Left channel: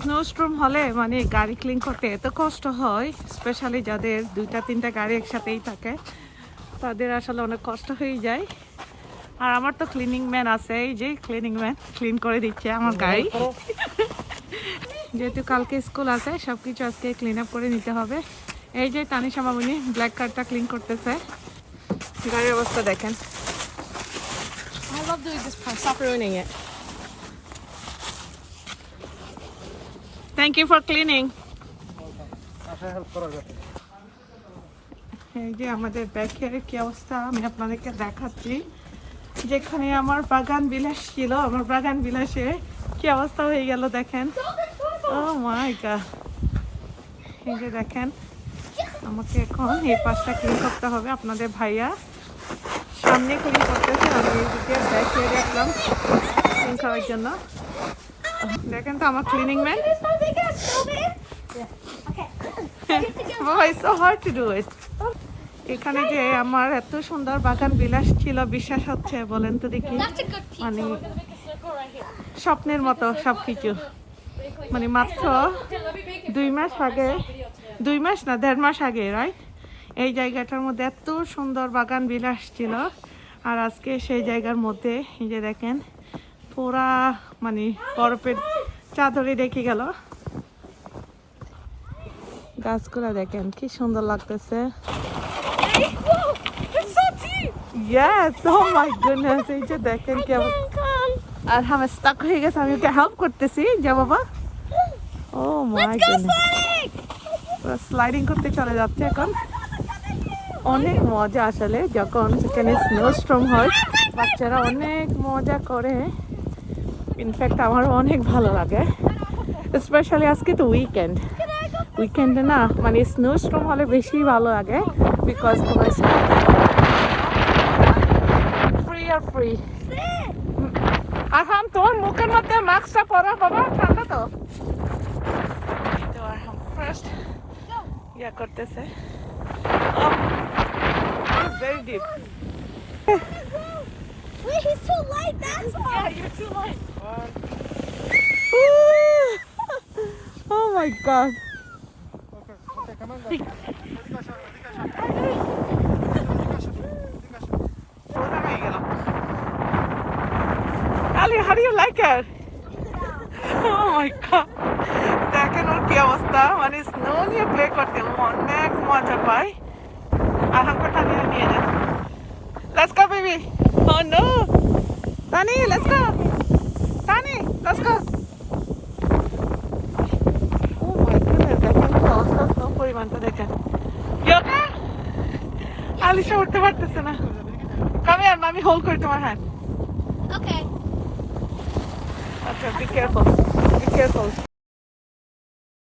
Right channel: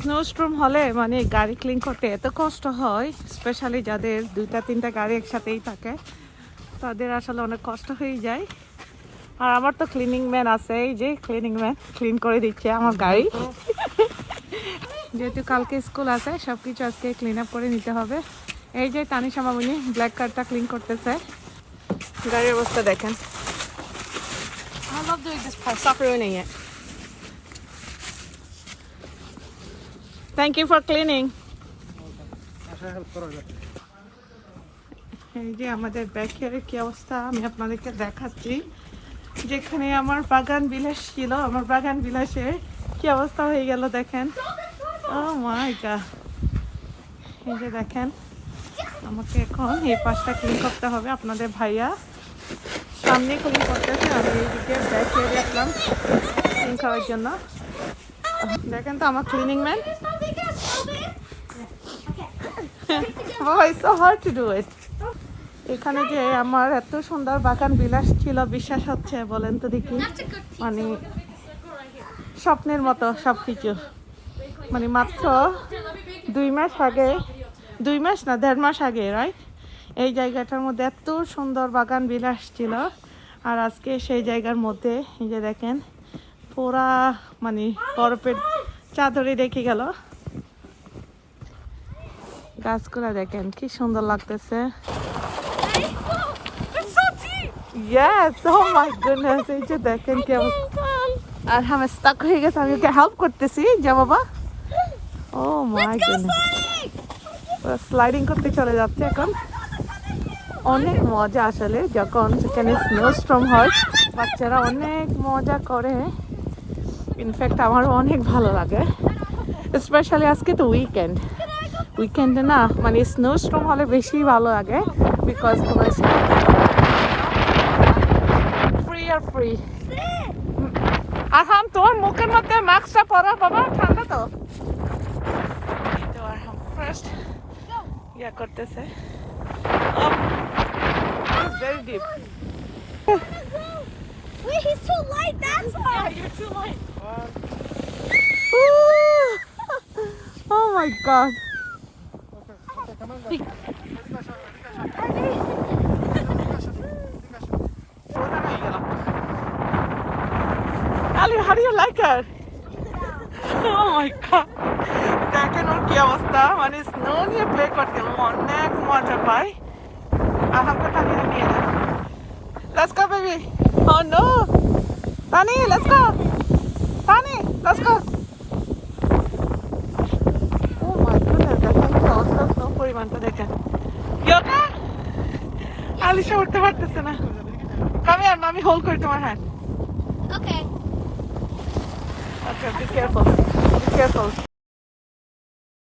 স্নোস্ট্রম হলে মানে গাড়ি ক্লিন করতে এত কষ্ট হয় স্পেশালি যাদের দুইটা তিনটা গাড়ি একসাথেই থাকে তাদের আসলে অনেক কষ্ট হয়ে যায়। আর আমার তো ক্লিনিং ম্যান আছে এই যে ক্লিনিং ম্যান ক্লিন করে দিচ্ছে আমার গাড়ি। যেহেতু কালকে স্কুল আছে সব কিছু আজকে ক্লিন আপ করে নিতে হবে। এই যে তানিশা মামনি ব্ল্যাক কার্ডটা ক্লিন করতেছে। গাড়ির অবস্থা দেখেন। I love doing this part. Stop ruining it. Thank you for cleaning এই যে আমাদের ব্যাগের কি অবস্থা আমি আপনাদেরকে দেখাচ্ছি। যেখানে আমার বাগান বিলাস ছিল আমার বাগান বিলাসে কি অবস্থা হয়ে গেল দেখেন। ও মাই গড এই যে দেখেন আমাকে এখন এই পাশটা ক্লিন করতে হবে আপনাদের ভাইয়া। সামনে ক্লিন করতেছে আমি এইদিকে ব্যাগ ছেড়ে রাখলাম ক্লিন করার জন্য। দেখেন তো আমার cleaning man so hard to do it? এখানে যে আমার এত সুন্দর বাগান বিলাস ছিল বিশ্বাস হচ্ছে বলেন তো দেখি. মানে. স্বপ্নের মতো সব কিছু মানে মাত্র. দুই মাস আগে দুই মাস না দেড় মাস আগে রাইট এই জায়গাটার মধ্যে এত সুন্দর বাগান বিলাস ছিল আর আজকে সেই জায়গার মধ্যে এই যে দেখেন পুরা মানে বরফের চাদরে দেখে গেল গাছগুলা দেখেন কি সুন্দর লাগতেছে। Yes, oh my goodness, এই যে দেখেন কি আর আমি স্টাক হয়ে গেছে আমি ওকে হেল্প করতেছি যা বাবা। ও মাই গডনেস স্লাইডিং করতে চলে যাচ্ছে এখন। অনেক মজা আসলে যখন সেখানে স্নো স্ট্রম হয় বাচ্চারা অনেক মজা করে। ইনফ্যাক্ট আমারও অনেক ভালো লাগে। স্পেশালি আজকে তো উইকেন্ড উইকেন্ডে না মানে স্নো স্ট্রম হলে বেশি ভালো লাগে বিকজ তোমার ফ্রি আর ফ্রি আহাম তোর মুখের মধ্যে মাস্কটা পরা বাবা ঠান্ডা তো ফার্স্ট ইয়া করতেছে very deep Wait, he's too light. That's why. Yeah, you're too light. oh my god. Ali, how do you like it? Oh my god. দেখেন ওর কি অবস্থা মানে স্নো নিয়ে প্লে করতে ও অনেক মজা পায় আহামকে টানিয়ে নিয়ে নেন Let's go, baby. Oh no. Bunny, let's go. Alisha উঠতে পারতেছে না কামে আর মামি হোল্ড করি তোমার hand Okay. Okay, be careful. Be careful.